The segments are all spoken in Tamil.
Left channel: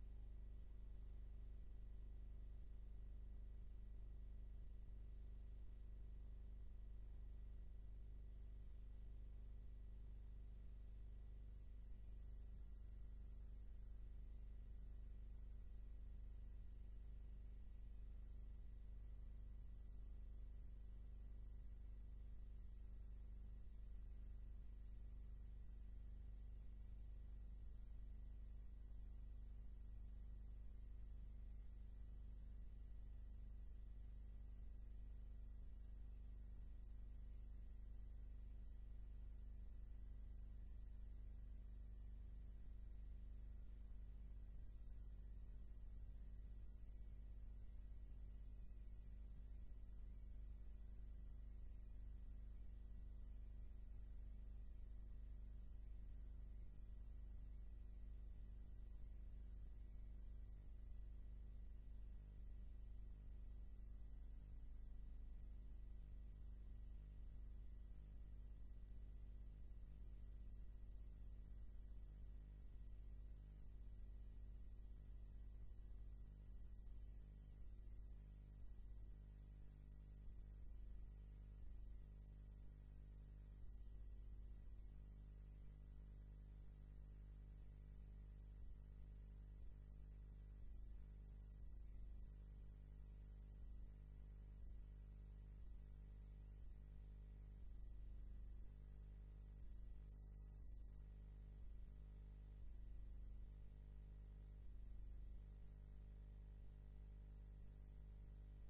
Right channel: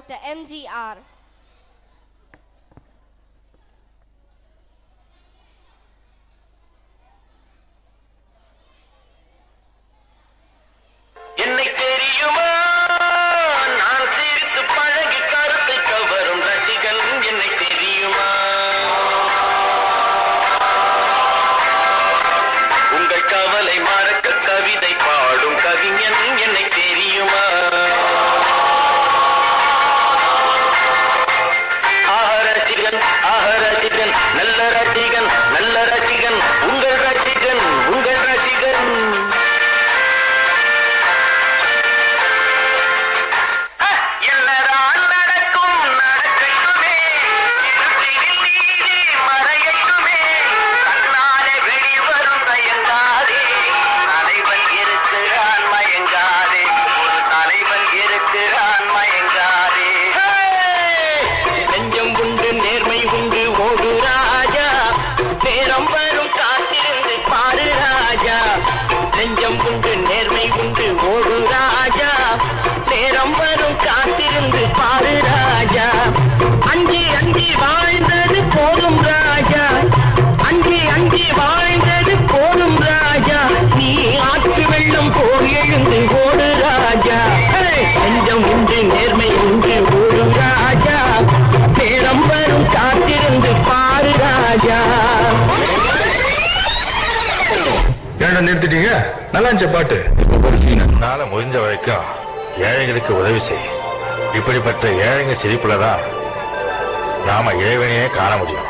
Dr. MGR. நிறுத்திட்டீங்க. நல்லா பாட்டு. நாள முடிஞ்ச வரைக்கும் ஏழைகளுக்கு உதவி செய். இப்படிப்பட்ட ஏழைங்க சிரிப்புலதான் நாம இறைவனையே காண முடியும்.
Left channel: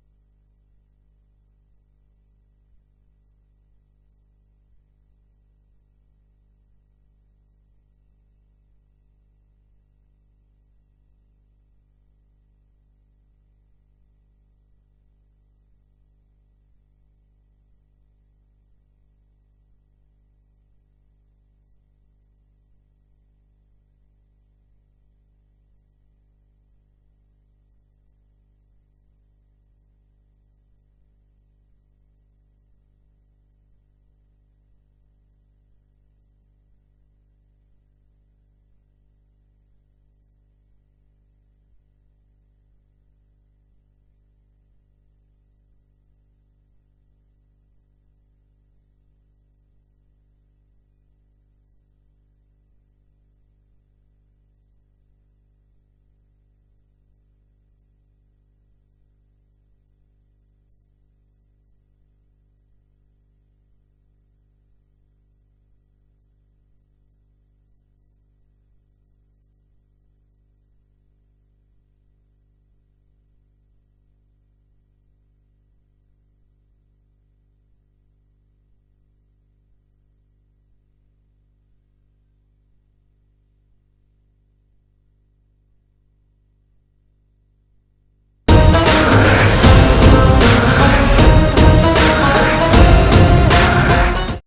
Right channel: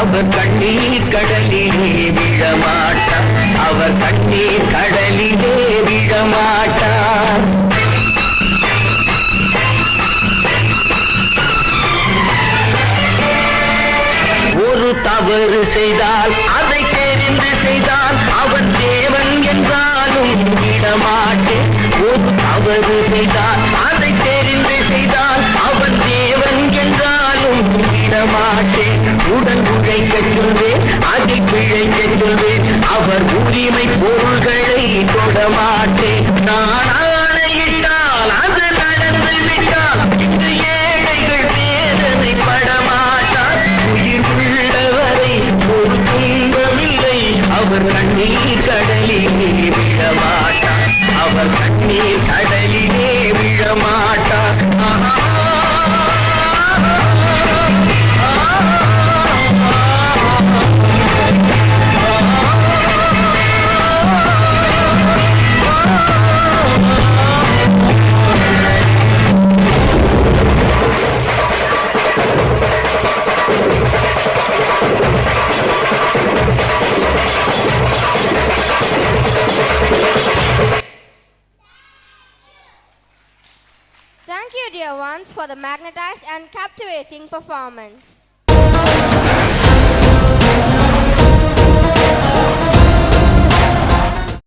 அவர் கண்ணீர் கடலிலே விழமாட்டார். அவர் கண்ணீர் கடலிலே விழமாட்டார். ஒரு தவறு செய்தால் அதை தெரிந்து செய்தால் அவன் தேவன் என்றாலும் விடமாட்டேன். ஒரு தவறு செய்தால் அதை தெரிந்து செய்தால் அவன் தேவன் என்றாலும் விடமாட்டேன். உடன் உழைக்க சொல்வேன், அதில் பிழைக்க சொல்வேன். அவர் உரிமை பொருள்களை தொடமாட்டேன். நான் ஆணையிட்டால் அது நடந்து விட்டால் இன்று ஏழைகள் வேதனை படமாட்டார். உயிர் உள்ளவரை ஒரு துன்பமில்லை. அவர் கண்ணீர் கடலிலே விழமாட்டார். அவர் கண்ணீர் கடலிலே விழமாட்டார். Thank you, dear ones, for the magnetized and captivating performance.